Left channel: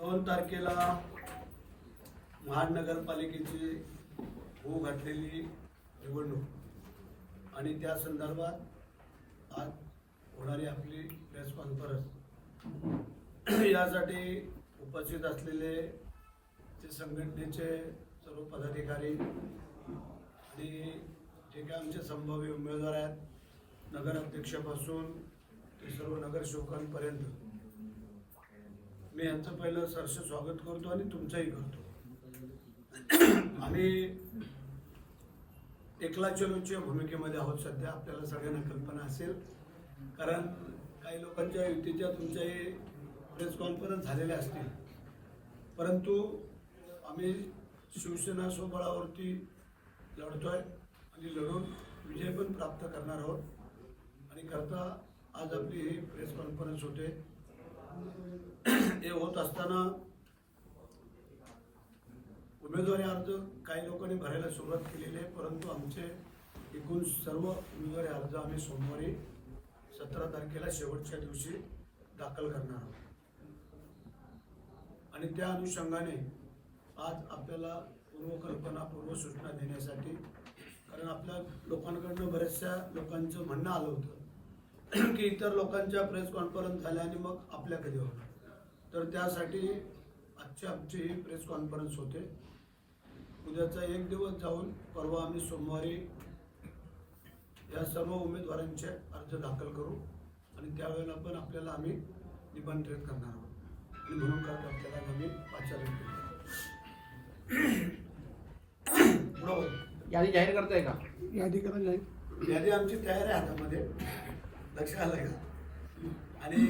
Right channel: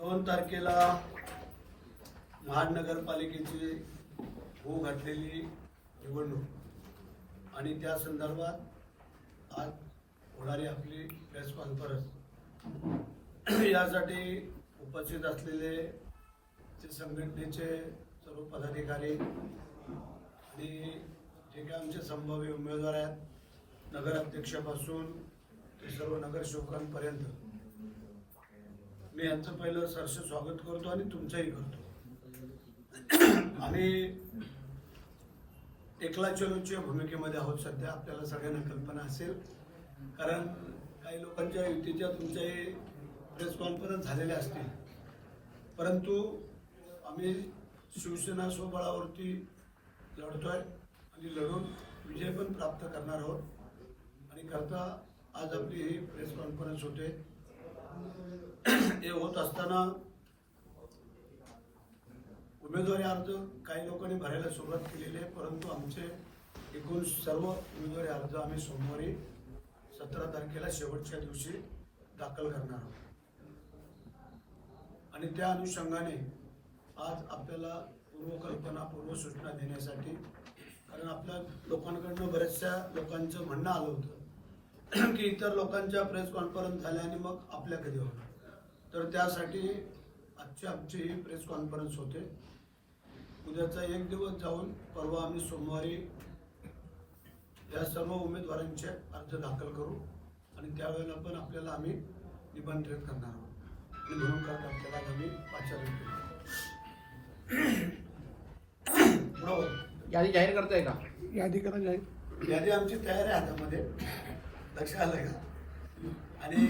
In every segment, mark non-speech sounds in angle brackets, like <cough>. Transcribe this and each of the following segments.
दोन तारखेला महानगरपालिकेची होऊ घातलेली निवडणूक. आणि त्या संदर्भात आज होणारी आपली प्रेस कॉन्फरन्स यासाठी उपस्थित असलेले ते संघटनेचे सर्व पदाधिकारी आणि जे काही आमचे संभाव्य उमेदवार आहेत नगराध्यक्षापासून ते सर्व नगरसेवकांपर्यंत. मी यांचं पहिलं सरस स्वागत करतो आणि तुमचंही करतो. आम्ही एकला चलोच्या भूमिकेमध्ये आहोत सध्या. आपल्याला सगळ्यांना कल्पना असेल. कारण काही लोकांच्या युतीच्या तुमच्याही प्रेस कॉन्फरन्स झालेल्या असतील. परंतु आम्ही शिवसेना स्वबळावरती लढतोय आणि लढून विजय पण प्राप्त करणार आहोत. आणि करता आज आपली ही प्रेस कॉन्फरन्स होते. हे होत असताना उमेदवारी अर्ज काही लोकांनी भरायला सुरुवात केलेली आहे परंतु आमचे एकूण सर्व उमेदवारी अर्ज आम्ही सोमवारी सतरा तारखेला शेवटच्या दिवशी दाखल करणार आहोत. आणि त्या अनुषंगाने आज आपल्याला पूर्वकल्पना पूर्वसूचना देण्यासाठी कारण आपल्या लोकांकडनं बऱ्याचशा लोकांचं म्हणणं आलं होतं की इतर लोकांच्या प्रेस कॉन्फरन्स झाल्या आणि मग आपल्या कधी होणार? तर त्यासाठी आजची आमची ही प्रेस कॉन्फरन्स होते. उद्याचा एक दिवस जाऊन परवा आम्ही सोमवारी या सर्व उमेदवारांचे अर्ज दाखल करू आणि त्यावेळेला पण आपल्याला आम्ही निमंत्रित करणार आहोत. करत आपल्याला आम्ही बरोबर यादी जाहीर करताय का? यादी करा जाहीर. यादी आमची तयार आहे हातामध्ये. लक्ष आलं का? आणि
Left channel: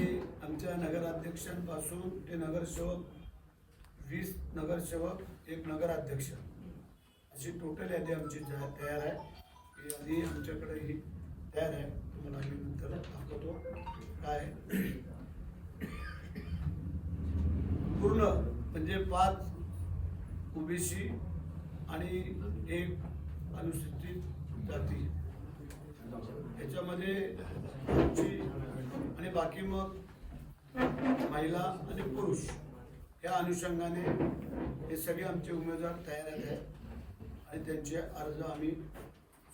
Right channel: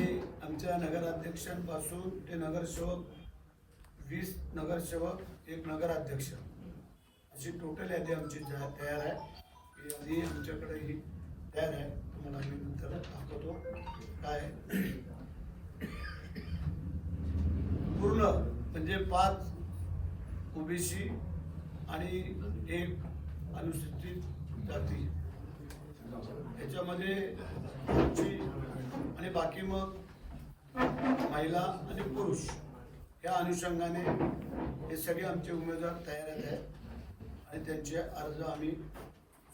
आमच्या नगराध्यक्षांपासून ते नगरसेवक वीस नगरसेवक एक नगराध्यक्ष. अशी टोटल यादी आमची तयार आहे. ही यादी आमच्याकडे ही तयार आहे. तुम्हाला मी नंतर दाखवतो काय पूर्ण म्हणजे पाच ओबीसी आणि एक अनुसूचित जाती. याच्यामध्ये आणि बाकी मग महिला आणि पुरुष या अनुषंगाने हे सगळे आमचे उमेदवार तयार आहेत. आणि त्यांचे अर्ज आम्ही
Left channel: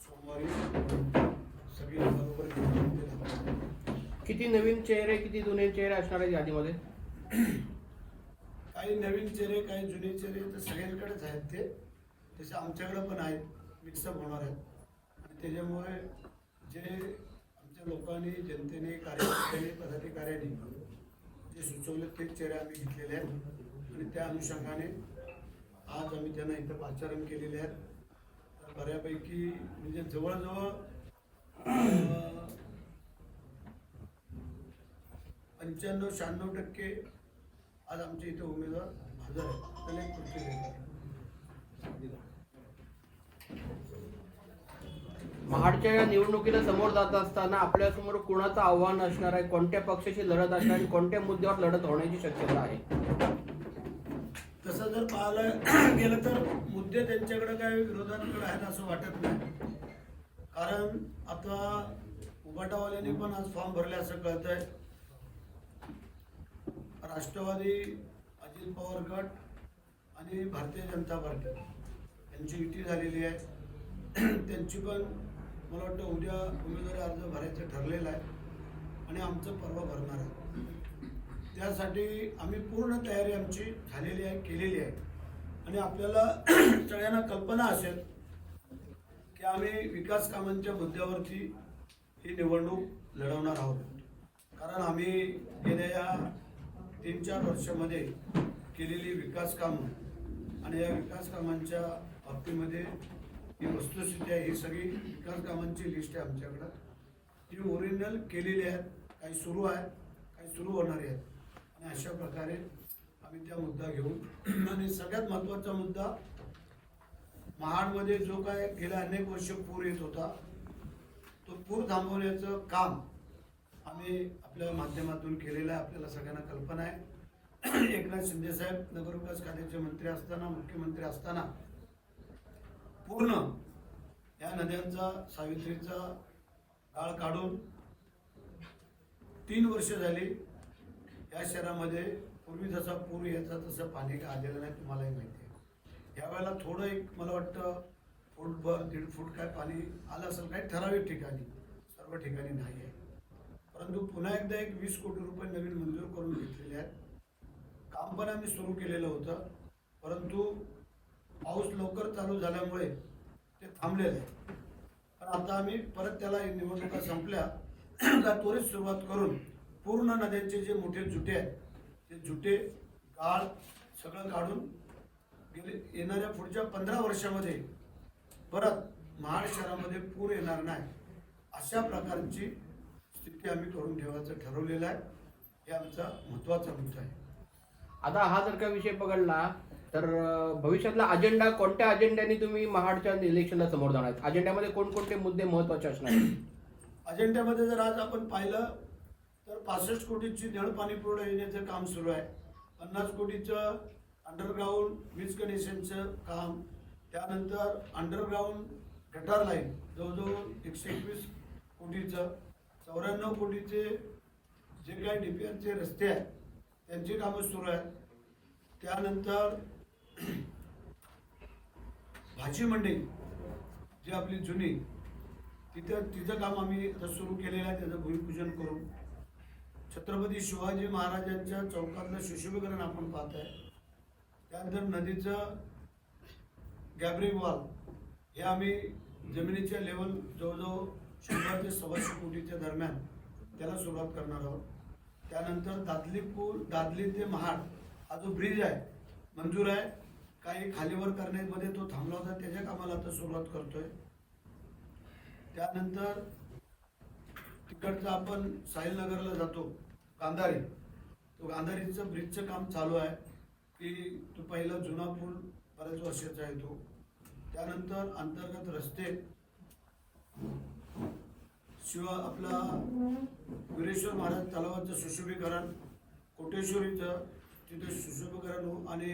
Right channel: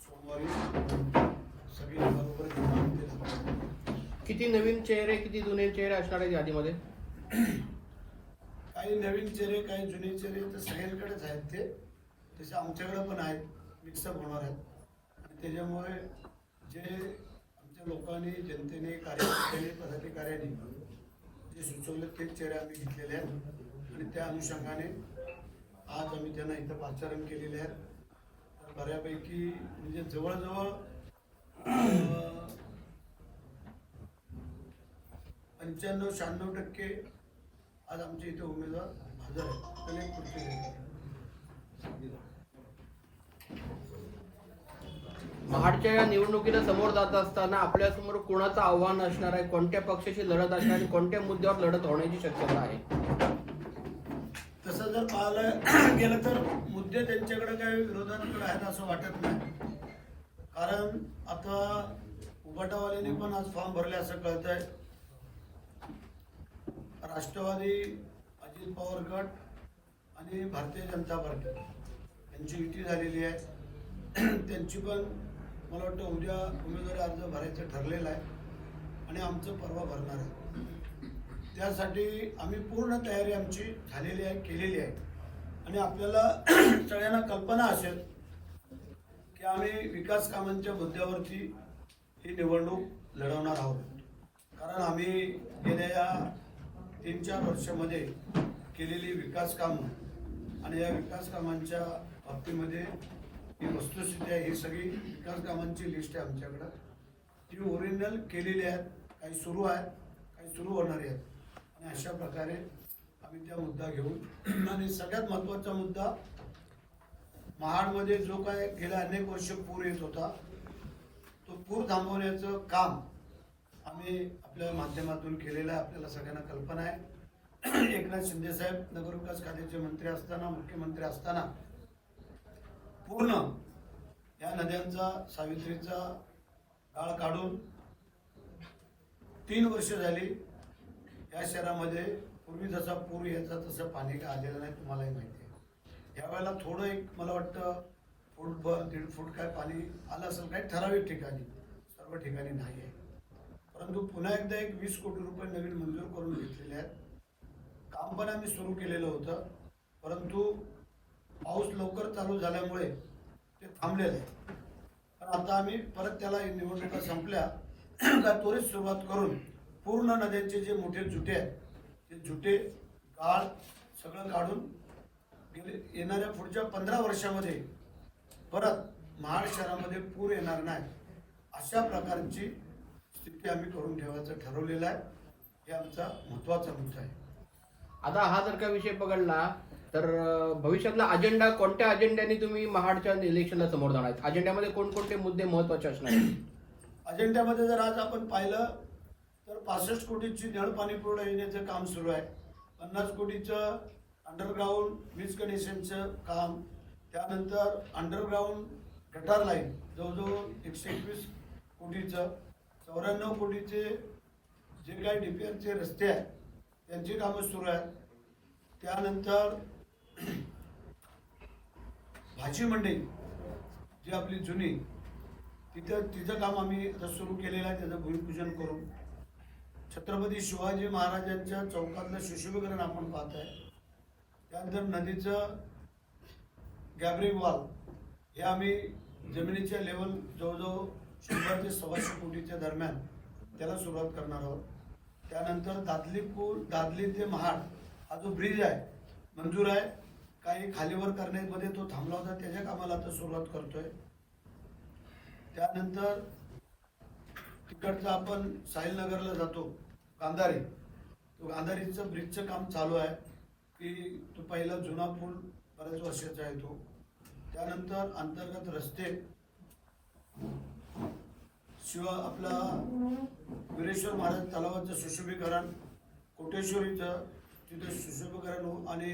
सोमवारी सगळी बरोबर. किती नवीन चेहरे किती जुने चेहरे असणार आहेत यादीमध्ये काही नवीन चेहरे काही जुने चेहरे तर सगळ्यांकडेच आहेत ते. तसे आमच्याकडे पण आहेत मिक्सअप होणार आहेत. आणि त्याच्यामुळे जे आमच्या लोकांनी जनतेने कार्यकर्त्यांनी पदाधिकाऱ्यांनी ते सुचवले तेच चेहरे आम्ही घेतलेले आहेत. आणि त्या अनुषंगाने आज आम्ही त्यांना इथं पाचारण केलेले आहेत. बऱ्यापैकी म्हणजे जवळजवळ पंच्याण्णव शहाण्णव टक्के आज आमच्या इथे उमेदवार हजर आहेत. पुढच्या या निवडणुकीला समोर जात असताना आपल्यासमोर कोणाचं आव्हान असणार आहे? कोणत्या पक्षाशी लढत असणार आणि कोणत्या मुद्द्यावर लढत होण्याची शक्यता आहे? तसं जर पाहायला <clears throat> गेलं तर मुद्दे त्यांच्याकडे काही विरोधाकडे आहेत असं वाटत नाही. कारण आता उबाटावाल्यांनी पण आज फॉर्म भरले असं कळत आहे राष्ट्रवादी अजित पवार गट आणि भारतीय जनता पार्टी यांची युती झालेली आहे. <clears throat> त्यांची पण मला वाटतं उद्या उमेदवारी अर्ज भरायचं ठरलेलं आहे आणि आमचं परवा भरणार आहे. त्यासाठी आम्ही पूर्ण तयारी आमची झालेली आहे केलेली आहे. आणि आपल्याला <clears throat> सगळ्यांना कल्पना असेल की आम्ही विकास कामांच्या मुद्द्यावरती ही निवडणूक लढवणार आहोत. कारण आम्ही गेल्या या तीन चार वर्षामध्ये केलेली विकास कामं आणि या विकास कामांच्या बाबतीमध्ये ही वस्तुस्थिती आहे ही सगळी विकास कामांची लिस्ट आहे आमच्याकडं. ती ओरिजिनल केलेली आहेत काही सुरू आहेत काही सुरू होणार आहेत. आणि अशा प्रकारे आम्ही त्या मुद्दा घेऊन आणि सगळ्यात महत्त्वाचा मुद्दा महाडमध्ये जो काय गेल्या अनेक वर्ष पूर येत होता तो पूर थांबवण्याचं काम आम्ही आपल्या माध्यमातून केलेलं आहे आपल्याला सगळ्यांना कल्पना आहे. एकनाथ शिंदेसाहेब नगरविकास खात्याचे मंत्री असताना मुख्यमंत्री असताना पूर्ण या नद्यांचा सावित्रीचा काळ काढून तीन वर्ष झाली या शहरामध्ये. पूर्वी जसा पूर यायचा तसं पाणी का आलेलं नाही तुम्हालाही माहिती आहे. यावेळेला थोडं एक मला वाटतं फूटभर दीड फूट काय पाणी आलं असेल काही ठराविक ठिकाणी सर्व ठिकाणी नाही आहे. परंतु पुन्हा एकदा एक वीस कोटी रुपये नवीन मंजूर करून घेतलेले आहेत. काम पण आम्ही सुरू केलेलं होतं परंतु पाऊस लवकर चालू झाल्यामुळे ते थांबलेलं. आहे पण आता आम्ही परत त्याला निवडणुका संपल्या. का त्वरित सुरुवात करून पूर्ण नद्यांचे जे मोठे झुटे आहेत ते झुटे गाळ सगळं काढून गेले येणाऱ्या पुढच्या पंधरा वर्षामध्ये परत महाड शहरामध्ये पूर येणार नाही. अशा प्रकारची स्थिती आम्ही करून ठेवायचं ठरवलेलं आहे. हे आमचा महत्त्वाचा मुद्दा आहे. आता हा जर का विषय पकडला तर भविष्यातला अजेंडा कोणत्या अजेंड्याने तुम्ही महाडच्या इलेक्शनला समोर जाणार अजेंड्यामध्ये कोणकोणते मुद्दे महत्त्वाचे असणार अजेंड्यामध्ये जर आज आपण पाहिलं तर पासष्ट कोटीची नळ पाणी पुरवठा योजनेचं काम सुरू आहे. पन्नास कोटीचं अंडरग्राऊंड वीज कनेक्शनचं काम. त्यानंतर अंडरग्राऊंड गटार लाईन जवळजवळ एकशे एकवीस कोटीचं. चौऱ्याण्णव कोटीचे जे काही डीपीआरचे रस्ते आहेत त्यांची कामं सुरू आहेत. त्यानंतर भाजी मंडई जी आपली जुनी तिथं तिचं काम आम्ही आता सुरू केलेलं आहे त्याचं भूमिपूजन करून. छत्रपती शिवाजी महाराजांच्या चौकातलं सुशोभीकरण आपण पाहत आहे त्यानंतर नदीचं गॅबरिंग वॉल हे आम्ही जमिनीच्या लेवल जवळजवळ शंभर ते सव्वाशे कोटीच्या दरम्यान त्याला सुरुवात करणार आहोत. त्यानंतर दादलीपूर दादली ते महाड हा जो ब्रिज आहे मंजूर आहे काही खालीवर करण्यामध्ये तो थांबला होता त्याच्या कामाला आता सुरुवात करतोय. त्यानंतर तिकडचं आपण साहिलनगरला जातो गांधारी. तो गांधारीचं ब्रिजचं काम चालू आहे की तो पहिला जुना पूल बऱ्याच वर्षाचा आहे तो. त्यानंतर अंतर्गत रस्ते. शिवाय आपला वीरेश्वर महाराज तलावाचं सुशोभीकरण कोटेश्वरीचं तिथे सुशोभीकरण हो आणि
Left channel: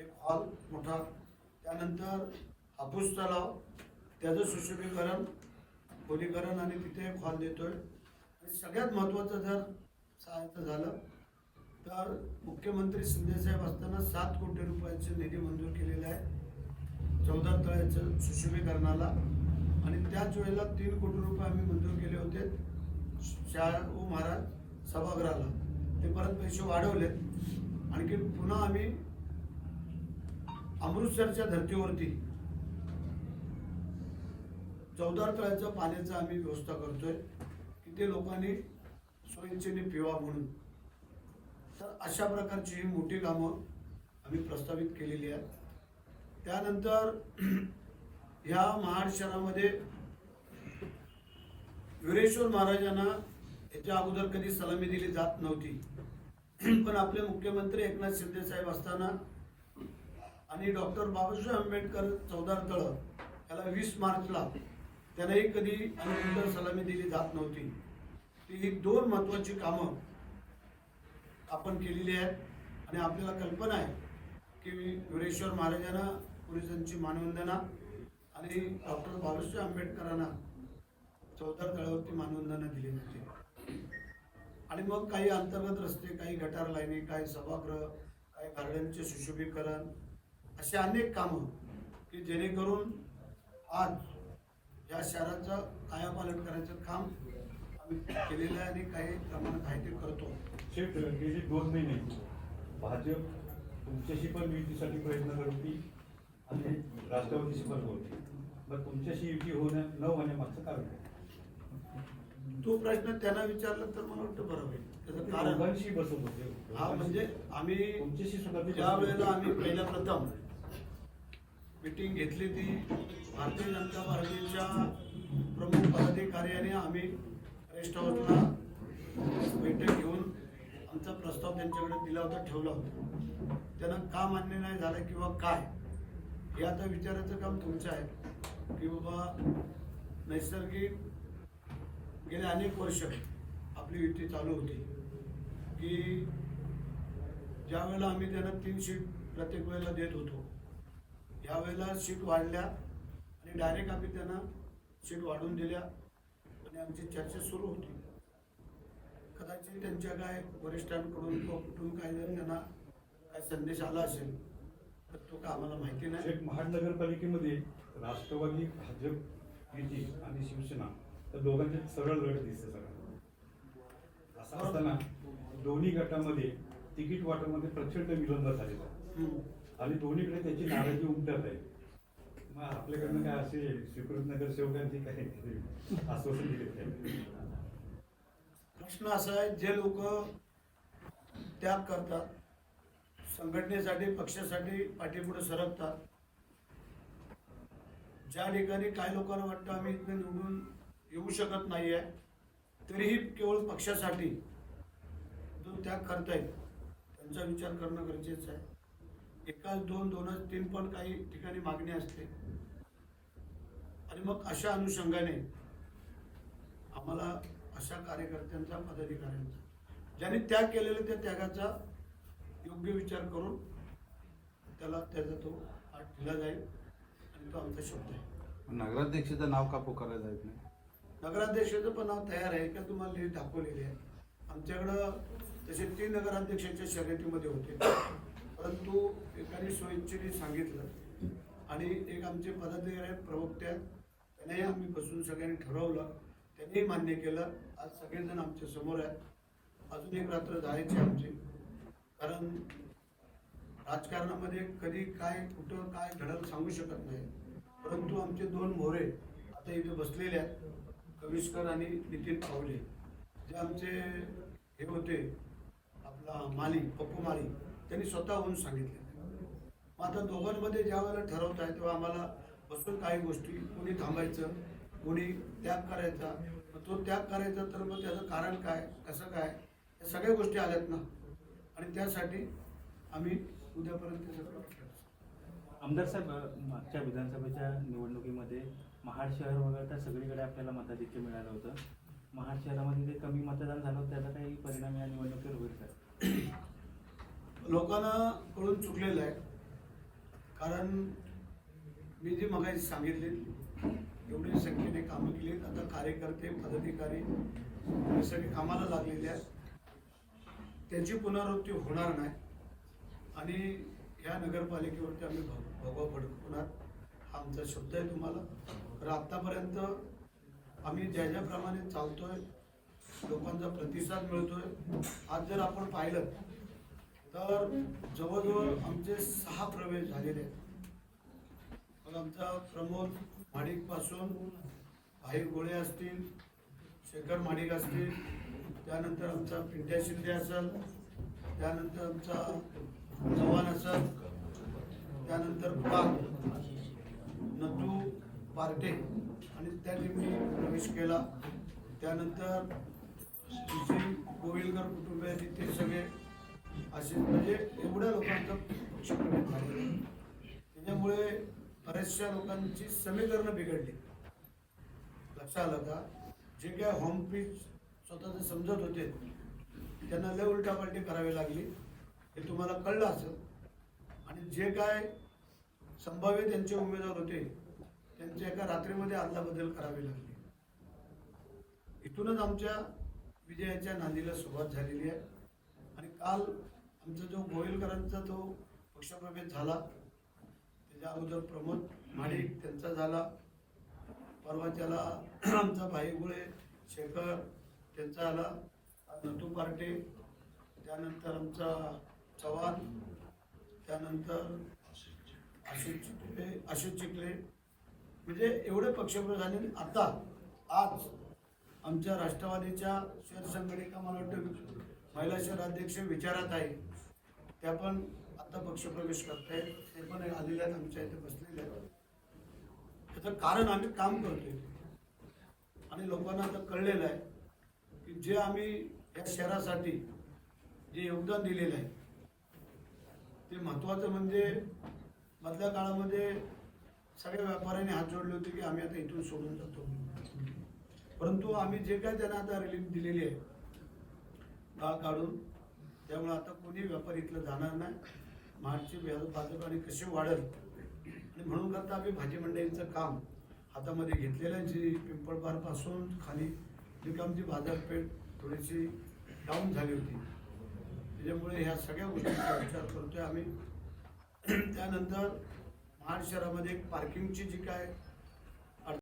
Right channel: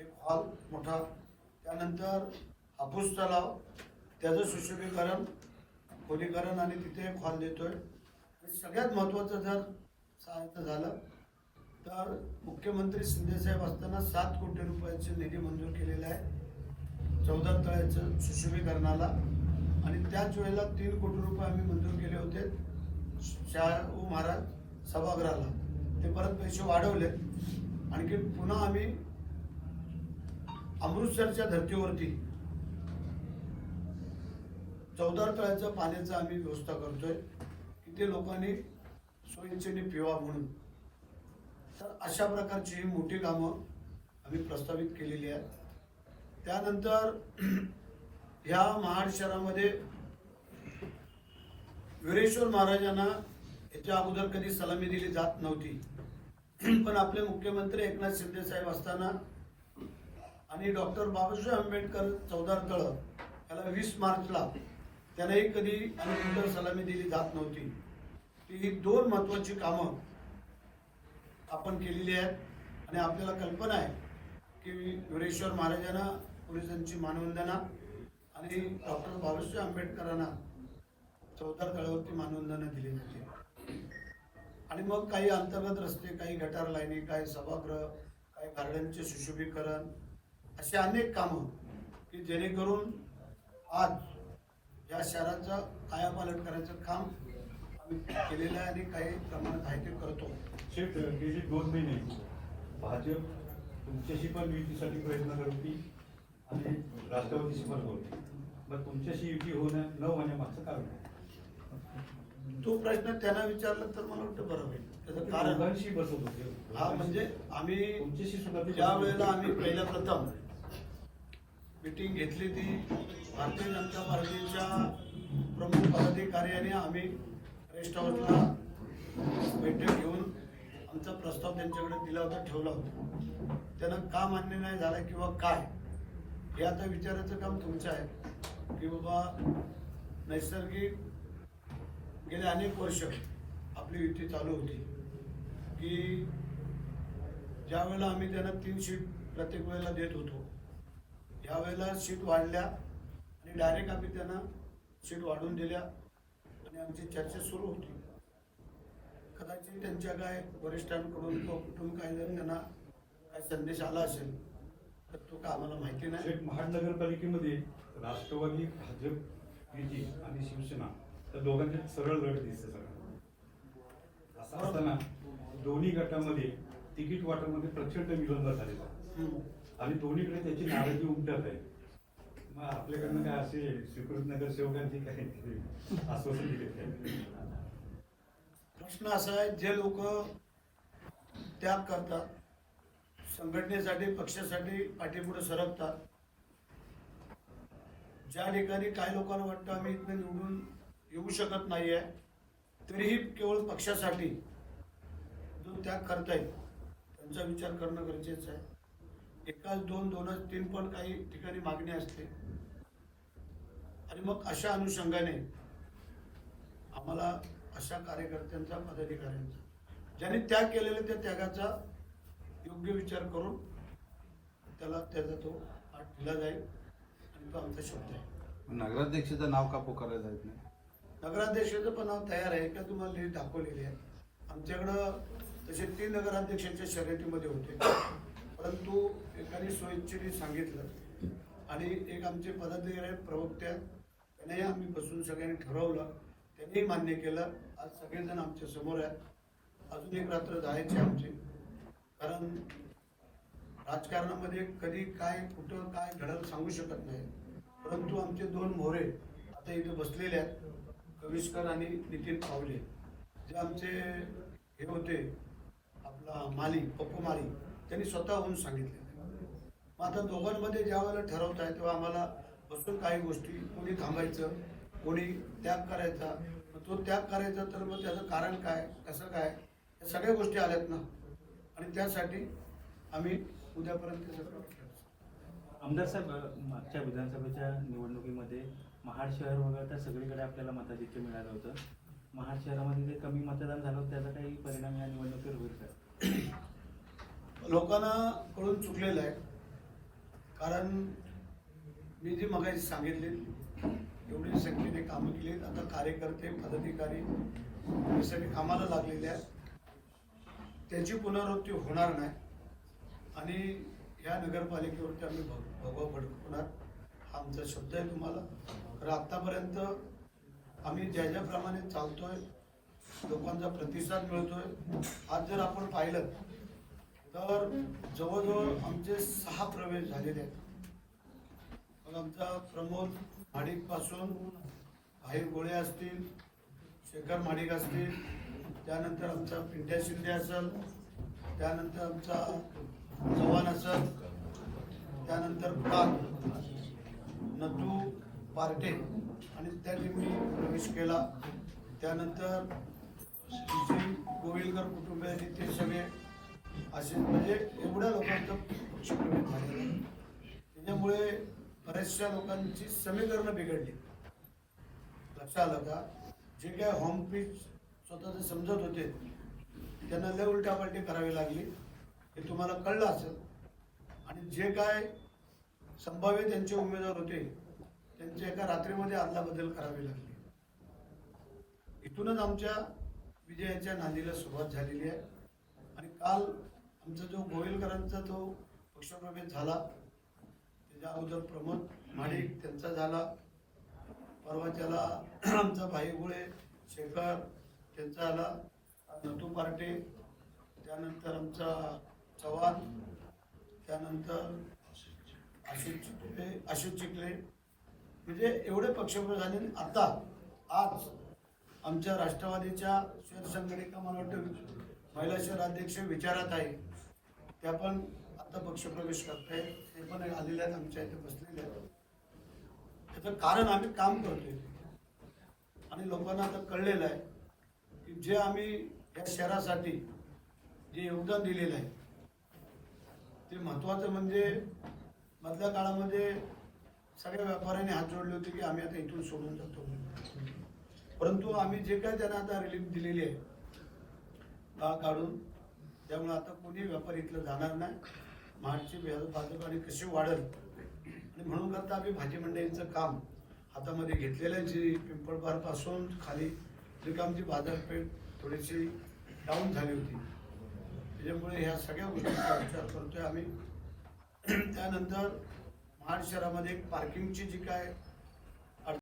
एक हॉल मोठा. त्यानंतर हापूस तलाव त्याचं सुशोभीकरण खोलीकरण आणि तिथे एक हॉल देतोय. सगळ्यात महत्त्वाचं जर सांगायचं झालं तर मुख्यमंत्री शिंदेसाहेब असताना सात कोटी रुपयाचे निधी मंजूर केलेले आहे. चौदा तळ्याचं सुशोभीकरणाला. त्याच वेळेला तीन कोटी रुपये आम्ही मंजूर केले होते. शाहू महाराज सभागृहाला. ते परत पैसे वाढवले. आणखी पुन्हा आम्ही अमृतसरच्या धर्तीवरती चौदा तळ्याच्या पाण्याचा आम्ही व्यवस्था करतोय. की ते लोकांनी स्वयंचेने पिवा म्हणून. तर अशा प्रकारची ही मोठी कामं आम्ही प्रस्तावित केलेली आहेत. त्यानंतर <clears throat> ह्या महाड शहरामध्ये वीरेश्वर महाराजांना याच्या अगोदर कधी सलामी दिली जात नव्हती. <clears throat> पण आपले मुख्यमंत्री एकनाथ शिंदे साहेब असताना आणि डॉक्टर बाबासाहेब आंबेडकर चौदार तळ याला वीस मार्चला त्यांनाही कधी आणि सलामी दिली जात नव्हती. ती ही दोन महत्वाची कामं आपण केलेली आहेत आणि आपल्याला कल्पना आहे की वीरेश्वर महाराजांना पोलिसांची मानवंदना आणि डॉक्टर बाबासाहेब आंबेडकरांना चौदार तळावरती मानवंदना दिली होती. आणि मग काही अंतर्गत रस्ते काही गटार लाईनी काही सभागृह काही गार्डनचे सुशोभीकरण अशी अनेक कामं की जेणेकरून आज या शहराचं कायापालट करायचं काम केलेलं आहे आणि काही प्रमाणात आहे ते करतो. गेले दोन महिने भाजप तुमच्याशी पण युतीसाठी प्रयत्न करते आणि राष्ट्रवादीशी पण होते. मग तुमच्याशी युती होण्या न होण्यामागचं कारण काय? तो प्रश्न त्यांना विचारला तर मला वाटतं बरं होईल. त्याचं कारण हा म्हणजे आम्ही ज्या वेळेला आम्ही पहिल्या प्रथम मीटिंग घेतली ती भारतीय जनता पार्टीच्या प्रमुख पदाधिकाऱ्याने आम्ही रेस्ट हाऊसला बैठक घेऊन आमचा प्रस्ताव त्यांच्याकडे दिला होता ठेवला होता. त्यांना का मान्य नाही झालं किंवा काय हे आता विचारायचं काम तुमचं आहे. की बाबा नैसर्गिक गेले अनेक वर्ष आपली युती चालू होती. की ज्या वेळेला आम्ही त्यांना तीन सीट प्रत्येक वेळेला देत होतो यावेळेला सीट वाढल्या आणि डायरेक्ट आम्ही त्यांना सीट वाढवून दिल्या आणि आमची चर्चा सुरू होती. कदाचित त्यांच्या काय वरिष्ठांकडून किंवा कुठून काही जर त्यांना काही संदेश आला असेल तर तो का आम्हाला माहिती नाही. महानगरपालिकेमध्ये राष्ट्रवादी भाजप युती आणि शिवसेना तर दोघांचे सरळ गट दिसते सगळं असं असताना दोन्ही गटामध्ये तिकीट वाटपमध्ये प्रचंड विलंब झालेला. आणि दोन्हीकडे त्याची नाराजी उमटत आहे. मग आपल्याकडनं काय असे स्वीकृत नगरसेवकांची काही आश्वासन दिले नाही. प्रश्न असा आहे जे लोक त्याग करतात संघटनेसाठी पक्षासाठी पाठीपुढे सरकतात ज्या ठिकाणी काही लोकांना वाटतं आम्ही इथं निवडून येऊ शकत नाही आहे तरीही केवळ पक्षासाठी जो त्याग करतायत त्यांचा विचार करणं गरजेचं आहे. एकाच दोन दोनच तीन पण काही ठिकाणी मागणी असते. आणि मग अशा अनुषंगाने आम्हाला अशा कार्यकर्त्यांचा पदाधिकाऱ्यांचा ज्यांनी त्याग केलेला त्या त्यागाचा योग्य विचार करून त्याला त्याचा तो पाठ दिला जाईल आणि तो आमचा शब्द आहे नगराध्यक्षाचं नाव का पुकारलं जात नाही? नगराध्यक्षाचं पण नाव तयार आहे का तुम्हाला लिहित दाखवलेली आहे? आमच्याकडं तसे तीन नगराध्यक्षांच्या शर्यतीमध्ये होते. परंतु एकाने स्वइच्छेने सांगितलं आणि एक आमचे पदाधिकारी प्रवक्ते आहेत त्यांनी आम्ही बसून सगळ्यांनी ठरवलं त्यांनी मान्य केलं. आज सगळेजण आमच्यासमोर आहेत. अजून एक रात्र जायची आमची. कारण राजकारणामध्ये कधी काय कुठं काय घडलं सांगू शकत नाही. परंतु आमचे दोन मोरे आता इथे बसलेले आहेत. कविस्कर आणि नितीन पावले जे आमचे हे होते आपला माली पप्पू माली त्यांनी स्वतःहून सांगितले. मग आता दोघांमध्ये ज्या वेळेला ठरवत आहे तेव्हा आम्हाला बसून काही गोष्टी कोणी थांबायचं कोणी त्याग करायचा. मग तो त्याग करायचा तर मग त्याचं कारण काय कसं काय या सगळ्या गोष्टी आल्यात ना. आणि त्यासाठी आम्ही उद्यापर्यंत सगळं आमदार साहेब मागच्या विधानसभेच्या निवडणुकीमध्ये महाड शहर वगळता सगळीकडे आपल्याला मताधिक्य मिळालं होतं. महाड शहरामध्ये काही कमी मतदान झालं होतं त्याचा काही परिणाम या निवडणुकीवर होईल का? लोकांना कळून चुकलेलं आहे. कारण मी जे मगाशी सांगितले एवढी संख्येने कामं केली आता कार्यकर्ते पदाधिकारी सगळे कामाला लागलेले आहेत. त्यांची पुनरावृत्ती होणार नाही. आणि ह्या नगरपालिकेवरती आम्ही भग- भगवा भडकवणार हा आमचा शब्द आहे तुम्हाला. तर आतापर्यंत आम्ही ज्या ज्याप्रमाणे चालतोय लोकांचा प्रतिसाद मिळतोय आज जर आपण पाहिलं तर जवळजवळ आमचे सहा प्रवेश झालेले आहेत. आमचा प्रमोद माणिकपासून भाई गोळे असतील शेखर माडिक असतील त्यानंतर आमचा पिंट्या शिंदे असेल त्यानंतर आमचा चव्हाण असेल त्यानंतर पाल नद्दू पार्टे. आणि त्या टीमनी प्रवेश केला. त्यानंतर श्री गोविलकर कुटुंब आहे ते सगळे असे म्हणजे एवढ्या लोकांचं पक्षप्रवेश झालेलं त्याच्यामुळे बऱ्याचशा लोकांची समीकरणं बिघडली. लक्षात आलं का? जे काय होम पीच स्वतःचे समजत होते त्यांना लय उलटापलटी करावी लागली. हे तुम्हाला कळलं असं आणि जे काय संभाव्य त्यांचे उमेदवार होते त्यांच्या एका रात्रीमध्ये अदलाबदल करावी लागली. इथूनच आमच्या विजयाच्या नांदीला सुरुवात झालेली आहे. आणि काल आमचा जो गोयलकरांचा जो पक्षप्रवेश झाला त्याच्या अगोदर प्रमोद माणिक त्यांचा झाला. परवाच्याला <clears throat> आमचा भाईगुळे शेखर त्यांचा आला नतू पार्टे त्यानंतर आमचा चव्हाण त्यानंतर आशिष चिकले आशिष चिखले म्हणजे एवढे पक्षप्रवेश झाले आणि आता आज आमच्या राष्ट्रवादीच्या शहर संघटनेचा मला वाटतं महिला शहर अध्यक्ष विचारात आहे. त्या पण आता पक्षप्रवेश करताय ते पण आलेले आहेत आमच्या इथे बसलेले आहेत. त्याचं कारण आम्ही काम करतोय. आणि लोकांना आता कळलेलं आहे की जे आम्ही या शहरासाठी जे योगदान दिलेलं आहे ते महत्वाचं म्हणजे मधल्या काळामध्ये सगळ्या व्यापाऱ्यांनी हात जोडले होते की आम्ही आता इथून सोडून जातो परंतु आम्ही जे काय त्यांना आता रिलीफ दिलेली आहे का काढून त्यामुळे आता कोणी व्यापारी इथलं जाणार नाही. मागची व्याज- भाजप आणि कशी वाढेल? आणि म्हणून करता आम्ही भाजी मंडईचं काम हातामध्ये घेतलेलं आहे जी पिंपळबारपासून खाली जे बाजारपेठ थोडीशी डाऊन झाली होती. त्याच्यामुळे ह्या सगळ्या गोष्टींचा विचार करतोय आम्ही. <clears throat> त्यानंतर महाड शहरामध्ये पार्किंगची जी काय